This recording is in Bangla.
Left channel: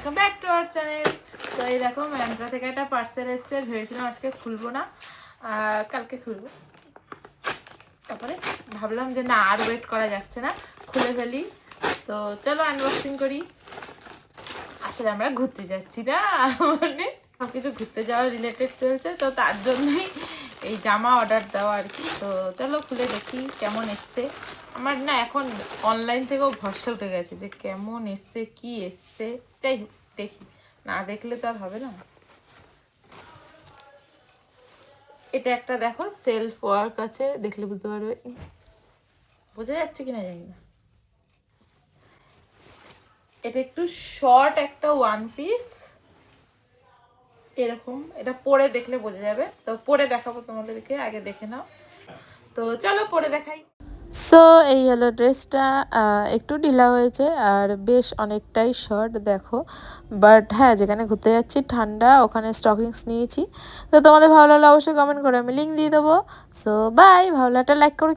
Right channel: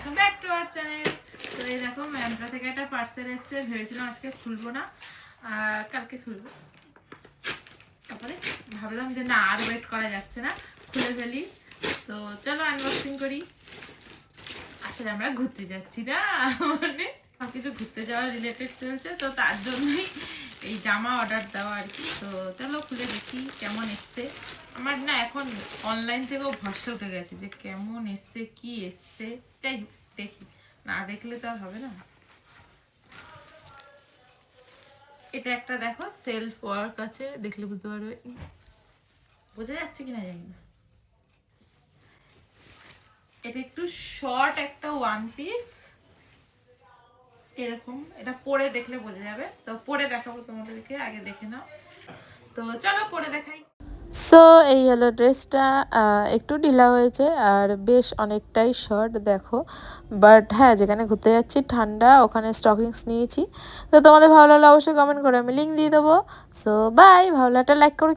Welcome back to our channel. তো এই দেখো ম্যান্ড্রা থেকে একটা পার্সেল এসছে, ভেবেছিলাম আজকে খুলবো না, কালকে খুলবো। তারপরে ভাবলাম যে না, আর ওয়েট করা যাচ্ছে না, খুলে ফেলি। তো চলো আনবক্সিং করি। আসলে আমরা ঘুরতে যাচ্ছি না, মানে সবকিছু ঘুরতে যাওয়ার রিলেটেড চলছে, তো তার জন্যই এই জামা অর্ডার দেওয়া আর কি। তো চলো খুলে দেখি কেমন এসছে। আমার না এখন অনলাইন থেকেও ভরসা উঠে গেছে যে কেমন এসছে কি এসছে। যাই হোক দেখি, না দেখলে তো আর হবে না। এটা একটা দেখো সেলফ ওয়ার্ক আছে, দেখলে বুঝতে পারবে। বোঝা যাচ্ছে কিনা জানি না। এটা একটু শর্ট একটা ওয়ান পিস এরকম, এটা পরে দেখলে বোঝা যাবে। তো পরে দেখাবো তোমাদেরকে, আগে দেখে নাও। তো চলো পরে দেখাই। সো এই হলো ড্রেসটা, একটু ঢিলা হয়েছে আর বেশ অনেকটাই শর্ট দেখো। বাট হ্যাঁ, যেখানে ঘুরতে যাচ্ছি ঠান্ডা, ওখানে স্টকিংস নিয়েছি। তো তোমাদের ভালো লাগলে অবশ্যই কমেন্ট করে আমি লিঙ্ক দিয়ে দেবো। সো বাই, ভালো লাগলে লাইক করে